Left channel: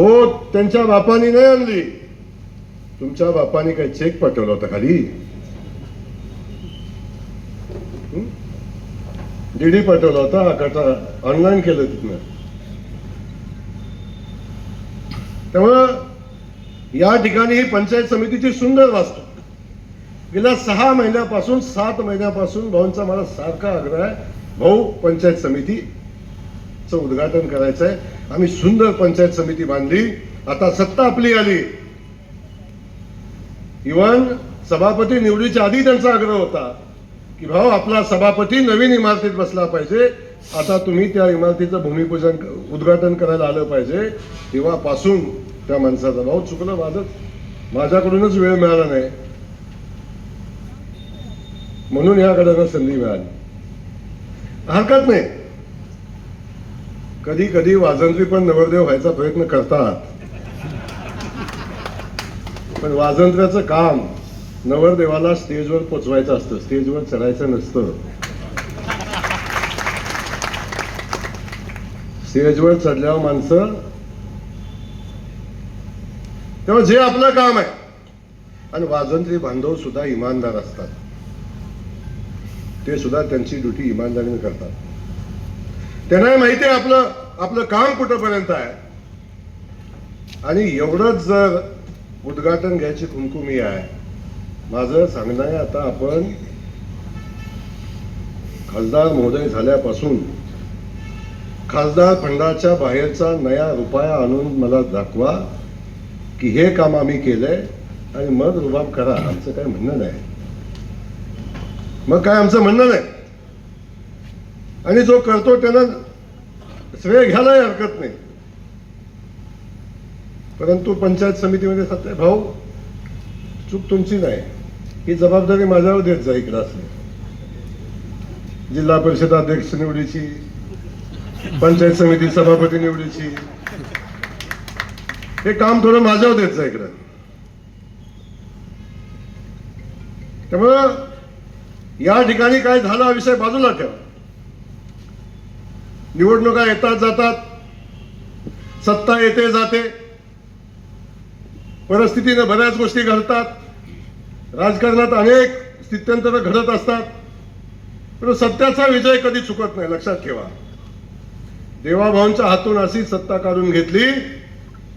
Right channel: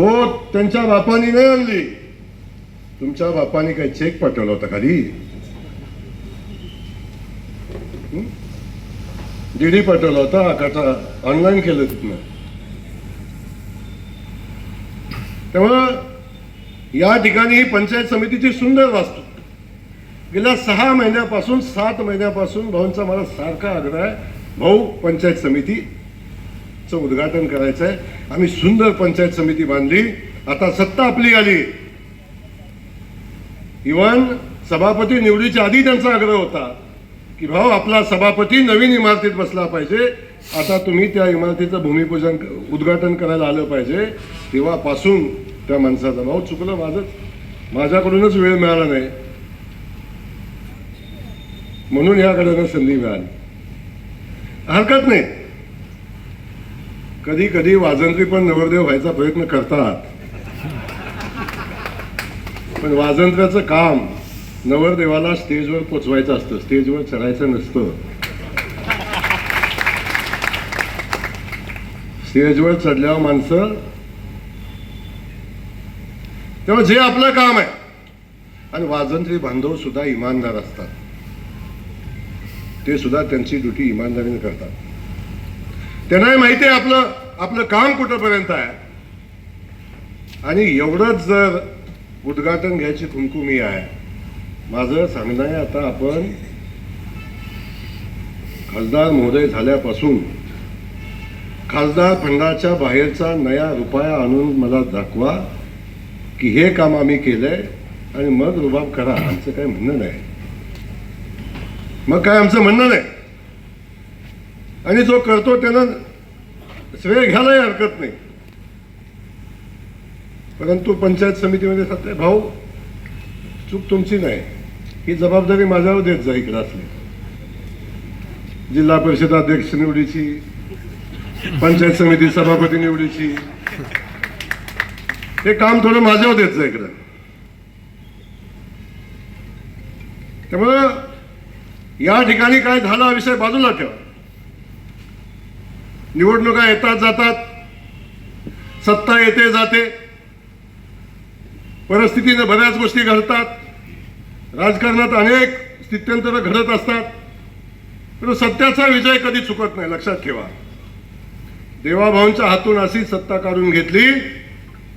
हो, त्यांच्या बापानी नाही आणली. तुमच्या बापाने काही चेक पाठवला होता खाली? डीडी पाठवला होता का? ऑनलाईन केलं तिथनं? त्यामुळं या ठिकाणी ही पंचायत समितीची सुंदर वास्तू गेल्या 6 महिन्यापासून 7 महिन्यापासून भाऊंचा मला सारखा आग्रह आहे, भाऊ पंचायत समितीचं उद्घाटन करायचं आहे. आम्ही सुंदर पंचायत समिती बांधली. आता सत्ता आपली आली. इव्हन सभापती निवडीच्या आधी त्यांचा आग्रह होता की भाऊ आपला सभापती नवीन इमारतीत बसला पाहिजे. आता तुम्ही त्या इमारतीचं भूमिपूजन उद्घाटन करायला आलं पाहिजे. तेव्हापासून त्या माणसाचा भाऊ चुकलं माझ्याकडूनच वेळ मिळाला नाही, म्हणून याकडे संधी मिळाली. हरकत नाही, कधी कधी वाजंत्री पण नवरदेव व्हायचा प्रयत्न करतात, पण वाजंत्र्याचं काम नवरदेवाला स्टेजवर पोचवायचं असतं, स्टेजवर चढायचं नसतं. स्टेजवर चढल्यावर माणसं, तेव्हा जे आपलं काम आहे, आणि वाजंत्री बांधव सुद्धा इमानदार असतात, ते सुद्धा त्यांची ड्युटी इमानदारीने करतात. त्यांना माहिती आहे आपलं काम कुठंपर्यंत आहे. आणि एवढंच जर उद्घाटन घ्यायची खुमखुमी आहे. माझं सांगणं आहे, आता आपण खासदार महोदय झाल्यापासून खासदार फंडाच्या बाहेरचा नया रुपया आणून मला दाखवा की हे काम आम्ही केलंय, आणि मग रुबाब करा. आमचं काय म्हणणं नाही, मग काय आमचं म्हणणं नाही. आणि जो करतो त्यानं श्रेय घ्यायलाही हरकत नाही. परंतु पंचायत समितीमध्ये सत्य भाऊ, चूक तुमची नाही, ही जबाबदारी माझ्यावर देत जा. इकडे असले जिल्हा परिषद अध्यक्ष निवडीची, पंचायत समिती सभापती निवडीची, हे काम थोडं माझ्यावर देत जा इकडं. त्यामुळं या ठिकाणी काय झाला विषय बाजूला ठेवा. निवडणुका येतात जातात, सत्ता येते जाते, परिस्थितीने बऱ्याच गोष्टी घडतात, राजकारणात अनेक स्थित्यंतर घडत असतात, पण सत्याचा विजय कधी चुकत नाही, लक्षात ठेवा. देवाभाऊंच्या हातून अशी सत्ता काढून घेतली,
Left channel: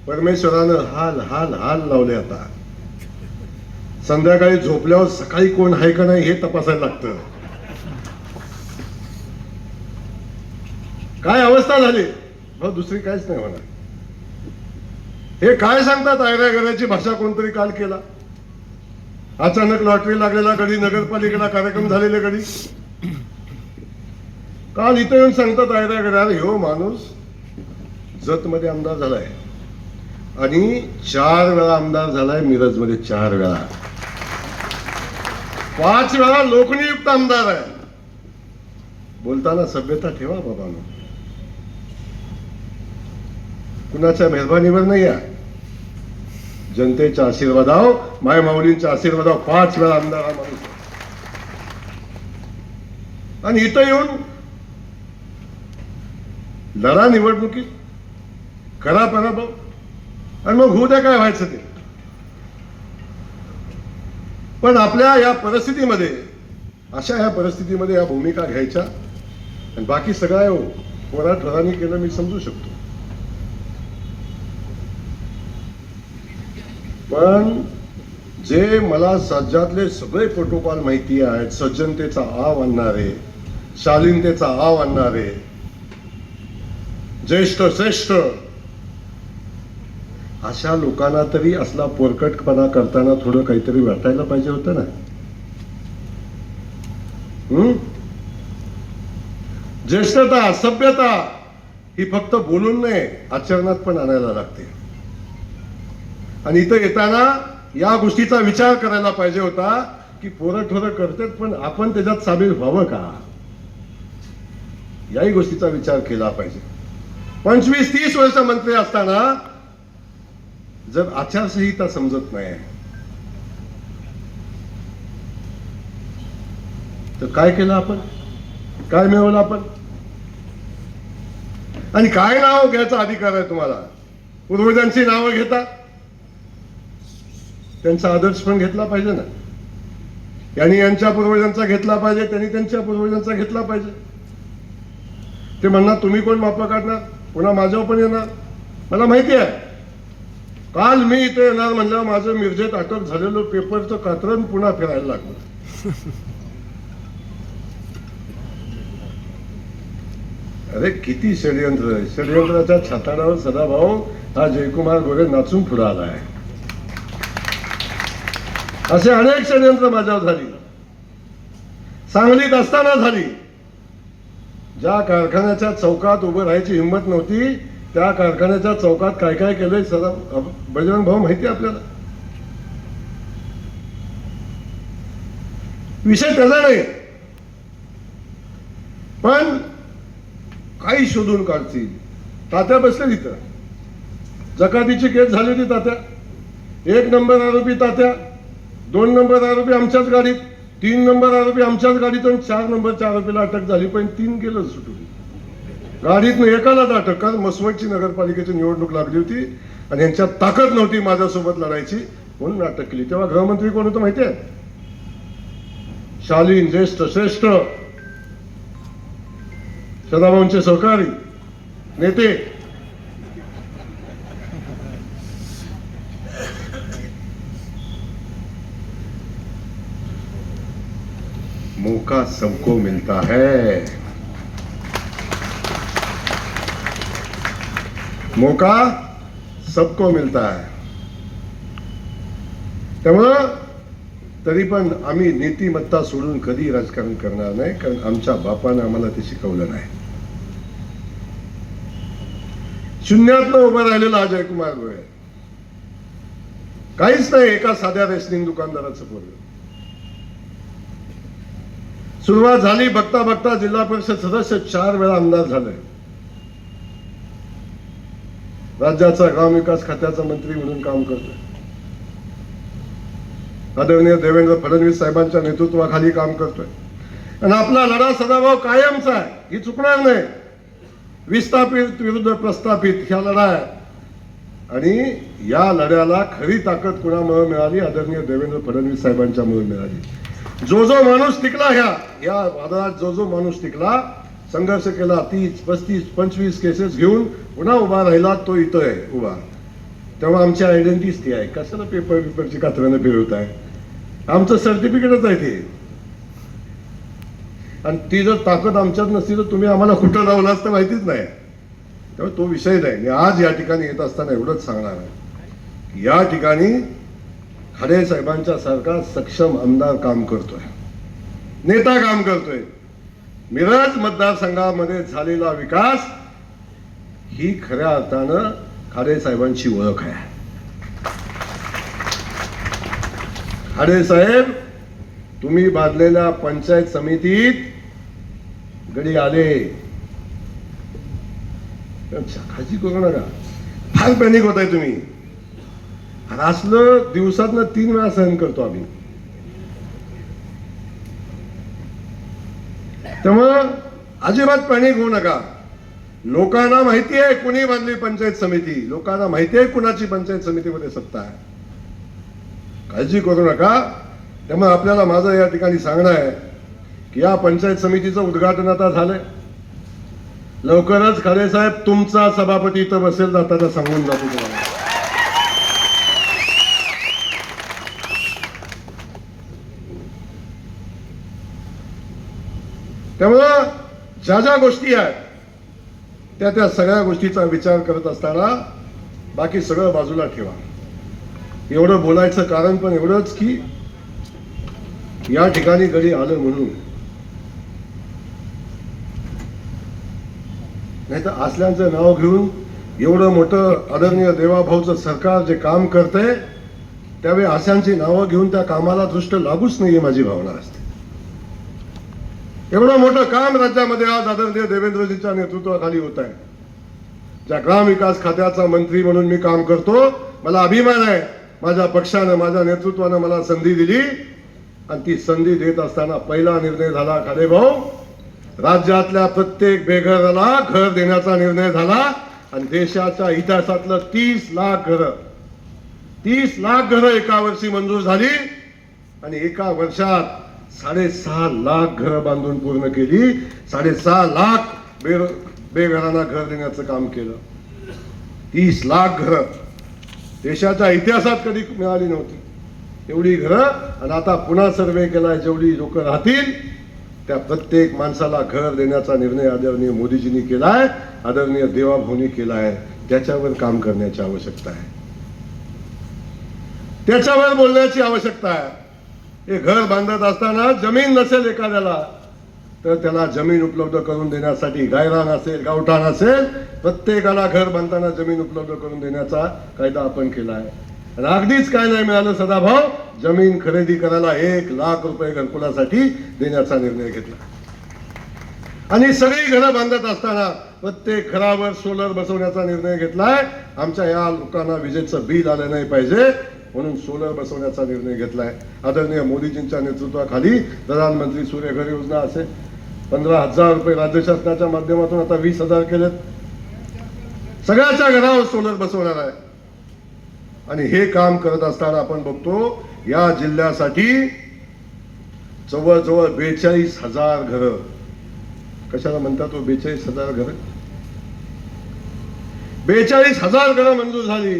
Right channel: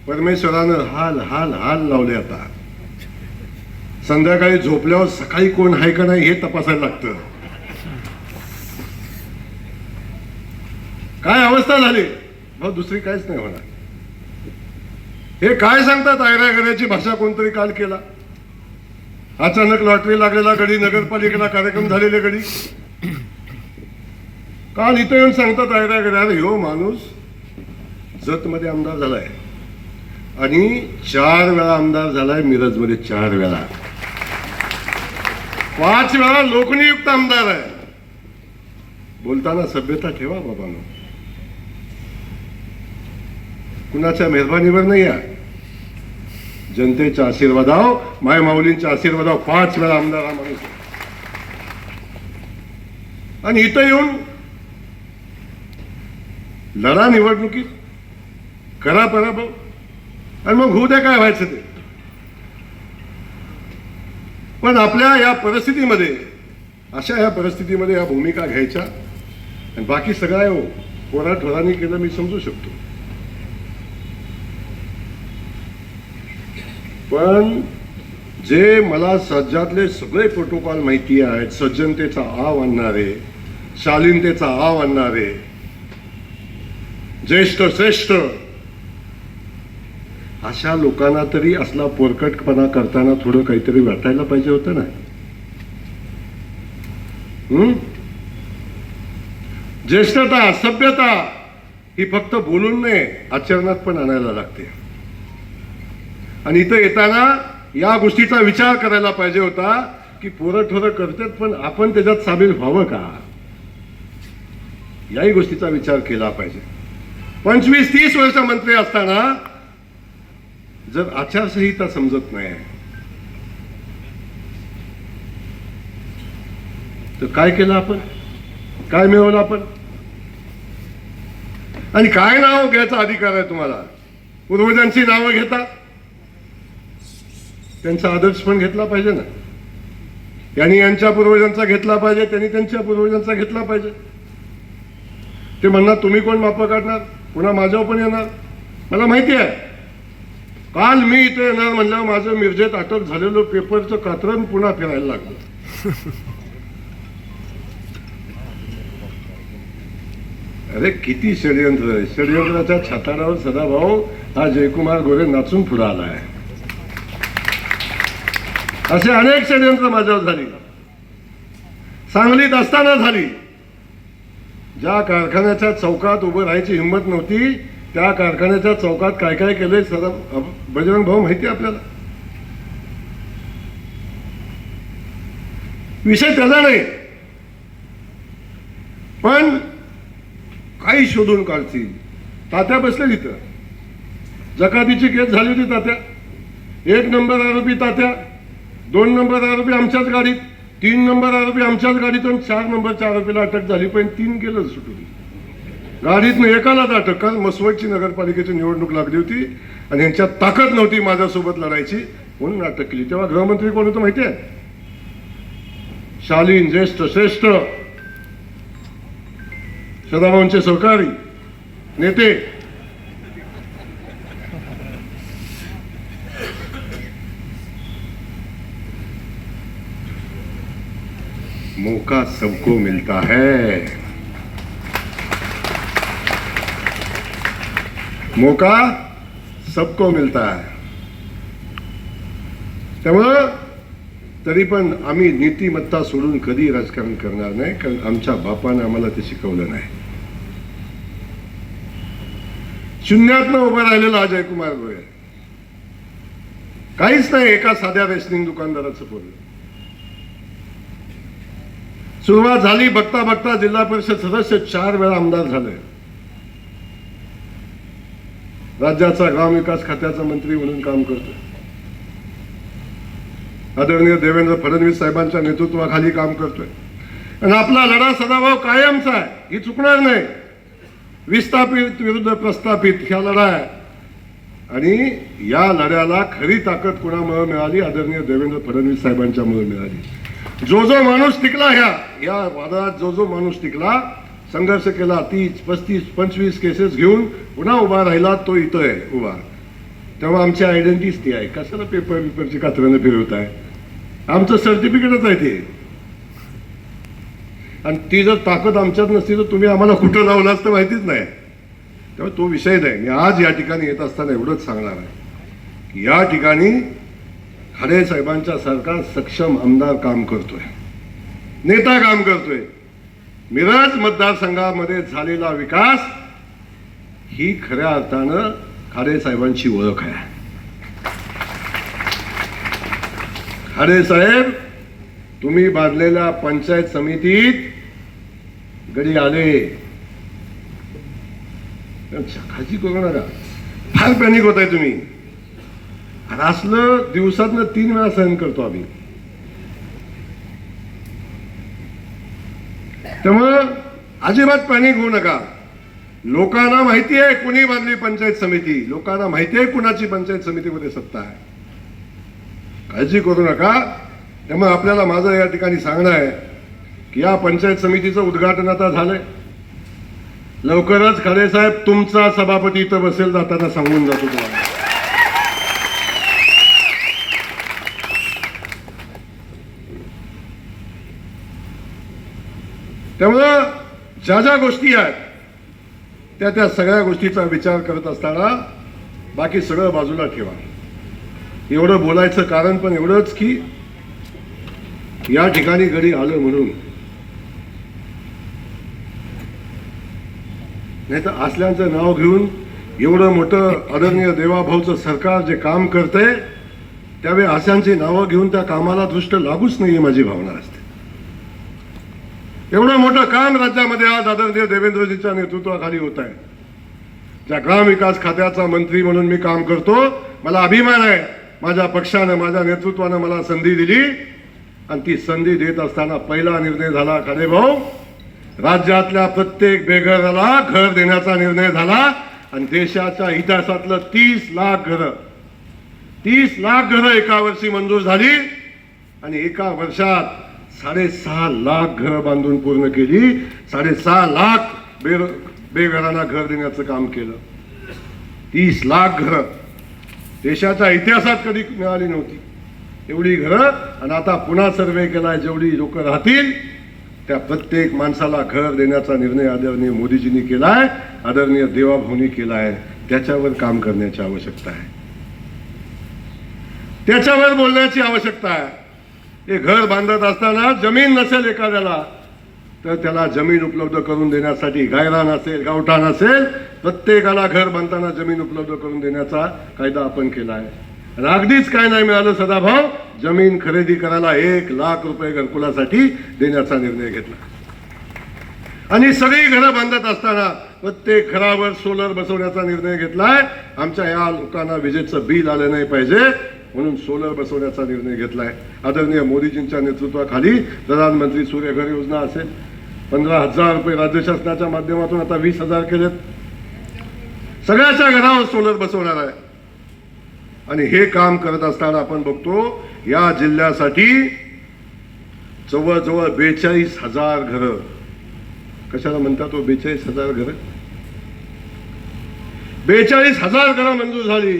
परमेश्वरानं हाल हाल हाल लावले. आता संध्याकाळी झोपल्यावर सकाळी कोण आहे का नाही हे तपासायला लागतं. काय अवस्था झाली भाऊ, दुसरी काहीच नाही होणार. हे काय सांगतात, आयऱ्या भाषा कोणतरी काल केला. अचानक लॉटरी लागलेला गडी, नगरपालिकेला कार्यक्रम झालेले गडी, काल इथं येऊन सांगतात आयऱ्या. ह्यो माणूस जत मध्ये आमदार झालाय आणि 4 वेळा आमदार झालाय मिरजमध्ये, 4 वेळा, 5 वेळा लोकनियुक्त आमदार आहे. बोलताना सभ्यता ठेवा बाबांनो, कुणाच्या मेहरबानीवर नाही आहे, जनतेच्या आशीर्वादाव, माय माऊलींच्या आशीर्वादाव 5 वेळा आमदार हा माणूस. आणि इथं येऊन लढा निवडणुकीत, करा पराभव, आणि मग होऊ द्या काय व्हायचं ते. पण आपल्या या परिस्थितीमध्ये, अशा या परिस्थितीमध्ये या भूमिका घ्यायच्या, आणि बाकी सगळं पोराठोरांनी केलं मी समजू शकतो. पण जे मला राज्यातले सगळे प्रोटोकॉल माहिती आहेत, सज्जनतेचा आव आणणारे, शालीनतेचा आव आणणारे, ज्येष्ठ श्रेष्ठ, अशा लोकांना तरी असला पोरकटपणा करताना थोडं काहीतरी वाटायला पाहिजे होतं ना. ज्येष्ठता, सभ्यता ही फक्त बोलून नाही, आचरणात पण आणायला लागते. आणि इथं येताना या गोष्टीचा विचार करायला पाहिजे होता की पोरं ठोरं करतात, पण आपण त्याच्यात सामील व्हावं का, याही गोष्टीचा विचार केला पाहिजे. 25-30 वर्ष मंत्री असताना जर आचारसंहिता समजत नाही तर काय केलं आपण, काय मिळवलं आपण, आणि काय नाव घ्यायचा अधिकार आहे तुम्हाला. पूर्वजांची नावं घेता, त्यांचा आदर्श पण घेतला पाहिजे ना. यांनी यांच्या पूर्वजांचा घेतला पाहिजे, त्यांनी त्यांच्या पूर्वजांचा घेतला पाहिजे. ते म्हणणार तुम्ही कोण मापा काढणार, पुन्हा माझ्यावर पण येणार. मला माहिती आहे, काल मी इथे येणार म्हणल्यावर माझं मिरजेत अटक झालेलं पेपरचं कात्रण पुन्हा फिरायला लागलं. अरे किती षडयंत्र आहे. षडयंत्राच्या छताडावर सदाभाऊ हा जयकुमार गोरे नाचून पुढे आला आहे. असे अनेक षडयंत्र माझ्यावर झाली, सांगलीत असताना झाली. ज्या कारखान्याच्या चौकात उभं राहायची हिंमत नव्हती, त्या कारखान्याच्या चौकात काय काय केलंय सदा बजरंग भाऊ माहिती आहे आपल्याला. विषय त्याचा नाही, पण काही शोधून काढतील. तात्या बसले तिथं, जकातीची केस झाली होती तात्या. 1 नंबर आरोपी तात्या, 2 नंबर आरोपी आमच्याच गाडीत, 3 नंबर आरोपी आमच्याच गाडीतून, 4 नंबरच्या आरोपीला अटक झाली, पण 3 गेलं सुटून. गाडीतून एकालाच अटक. काल मसवडची नगरपालिकेची निवडणूक लागली होती आणि यांच्यात ताकद नव्हती माझ्यासोबत लढायची म्हणून अटक केली. तेव्हा गृहमंत्री कोण होतं माहिती आहे? शालीन, ज्येष्ठ, श्रेष्ठ सदाभाऊंचे सहकारी नेते मौका सबको मिलता है, मौका सबको मिलता है. त्यामुळं तरी पण आम्ही नीतिमत्ता सोडून कधी राजकारण करणार नाही, कारण आमच्या बापाने आम्हाला ते शिकवलं नाही. शून्यातनं उभं राहिलेला हा जयकुमार गोरे, काहीच नाही, एका साध्या रेशनिंग दुकानदाराचं पोरगं. सुरुवात झाली, बघता बघता जिल्हा परिषद सदस्य 4 वेळा आमदार झाले. राज्याचा ग्रामविकास खात्याचा मंत्री म्हणून काम करतो. आदरणीय देवेंद्र फडणवीस साहेबांच्या नेतृत्वाखाली काम करतोय. आणि आपला लढा सदाभाऊ कायमचा आहे, ही चुकणार नाही. विस्थापित विरुद्ध प्रस्थापित ह्या लढा आहे. आणि या लढ्याला खरी ताकद कुणामुळे मिळाली? आदरणीय देवेंद्र फडणवीस साहेबांच्यामुळे मिळाली. जो जो माणूस टिकला या वादळात, जो जो माणूस टिकला, संघर्ष केला, 30, 35, 25 केसेस घेऊन पुन्हा उभा राहिला, तो इथं आहे उभा. तेव्हा आमची आयडेंटिटी ती आहे. कशाला पेपरची कात्र्यानं फिरवत आहे? आमचं सर्टिफिकेटच आहे ते. आणि ती जर ताकद आमच्यात नसती तर तुम्ही आम्हाला कुठं लावलं असतं माहितीच नाही. तेव्हा तो विषय नाही. मी आज या ठिकाणी येत असताना एवढंच सांगणार आहे, या ठिकाणी खडे साहेबांच्या सारखा सक्षम आमदार काम करतोय, नेता काम करतोय. मिरज मतदारसंघामध्ये झालेला विकास ही खऱ्या अर्थानं खडे साहेबांची ओळख आहे. खडे साहेब, तुम्ही बांधलेल्या पंचायत समितीत गडी आले, खाजी करू नका. फार पॅनिक होत आहे तुम्ही. असलं दिवसातनं 3 वेळा सहन करतो आम्ही. त्यामुळं अजिबात पॅनिक होऊ नका. लोकांना माहिती आहे कुणी बांधली पंचायत समिती, लोकांना माहिती आहे कुणाची पंचायत समितीमध्ये सत्ता आहे. काळजी करू नका. त्यामुळे आपल्याला माझं या ठिकाणी सांगणं आहे की या पंचायत समितीचं उद्घाटन आता झालंय. लवकरच खडे साहेब तुमचा सभापती इथं बसेल, जाताना सांगून जातो तुम्हाला. त्यामुळं ज्या ज्या गोष्टी आहेत त्या सगळ्या गोष्टीचा विचार करत असताना बाकी सगळं बाजूला ठेवा. एवढं बोलायचं कारण पण एवढंच की या ठिकाणी गडी आलं म्हणून, नाही तर असल्यांचं नाव घेऊन एवढं मोठं आदरणीय देवाभाऊचं सरकार जे काम करतंय त्यावेळी अशांची नावं घेऊन त्या कामाला दृष्ट लागूच नाहीये, माझी भावना असते. एवढं मोठं काम राज्यामध्ये आज आदरणीय देवेंद्रजींच्या नेतृत्वाखाली होत आहे. ज्या ग्रामविकास खात्याचा मंत्री म्हणून मी काम करतो, मला अभिमान आहे. माझ्या पक्षानं, माझ्या नेतृत्वानं मला संधी दिली आणि ती संधी देत असताना पहिला निर्णय झाला, खडे भाऊ, राज्यातल्या प्रत्येक बेघराला घर देण्याचा निर्णय झाला. आणि देशाच्या इतिहासातलं 30 लाख घरं एका वर्षी मंजूर झाली आणि एका वर्षात 6.5 लाख घरं बांधून पूर्ण केली. 6.5 लाख बेघरांना घर देण्याचं काम केलं. 30 लाख घरं देशाच्या इतिहासात कधी मिळाली नव्हती एवढी घरं. आणि आता पुन्हा सर्वे केलाय, जेवढी लोक राहतील त्या प्रत्येक माणसाला घर देण्याचा निर्णय आदरणीय मोदीजींनी केलाय, आदरणीय देवाभाऊनी केलाय. त्याच्यावर काम करण्याची आवश्यकता आहे, त्याच्यावर बोलण्याची आवश्यकता आहे. हे घर बांधत असताना जमीन नसेल एखाद्याला तर त्याला जमीन उपलब्ध करून देण्यासाठी गायरान असेल, गावठाण असेल, प्रत्येकाला घर बांधताना जमीन उपलब्ध करून देण्याचा कायदा आपण केला आहे. आणि अगदीच काय नाही मिळालं सदाभाऊ, जमीन खरेदी करायला 1 लाख रुपये घरकुलासाठी देण्याचा निर्णय घेतला. आणि सगळी घरं बांधत असताना प्रत्येक घरावर सोलर बसवण्याचा निर्णय घेतलाय. आमच्या या लोकांना विजेचं बिल आलं नाही पाहिजे म्हणून सोलर बसवण्याचा निर्णय घेतलाय. आदरणीय मोदीजींच्या नेतृत्वाखाली प्रधानमंत्री सूर्यघर योजना असेल, 15,000 रुपये राज्य शासनाच्या माध्यमातून आता 20,000 केलेत. सगळ्याच्या घरावर सोलर बसवणार आहे. आणि हे काम करत असताना आपण बघतो या जिल्ह्यासाठी जवळजवळ 42,000 घरं, कशाला म्हणतात तो 42,000 घरं, 42,000 घरं मंजूर झाली.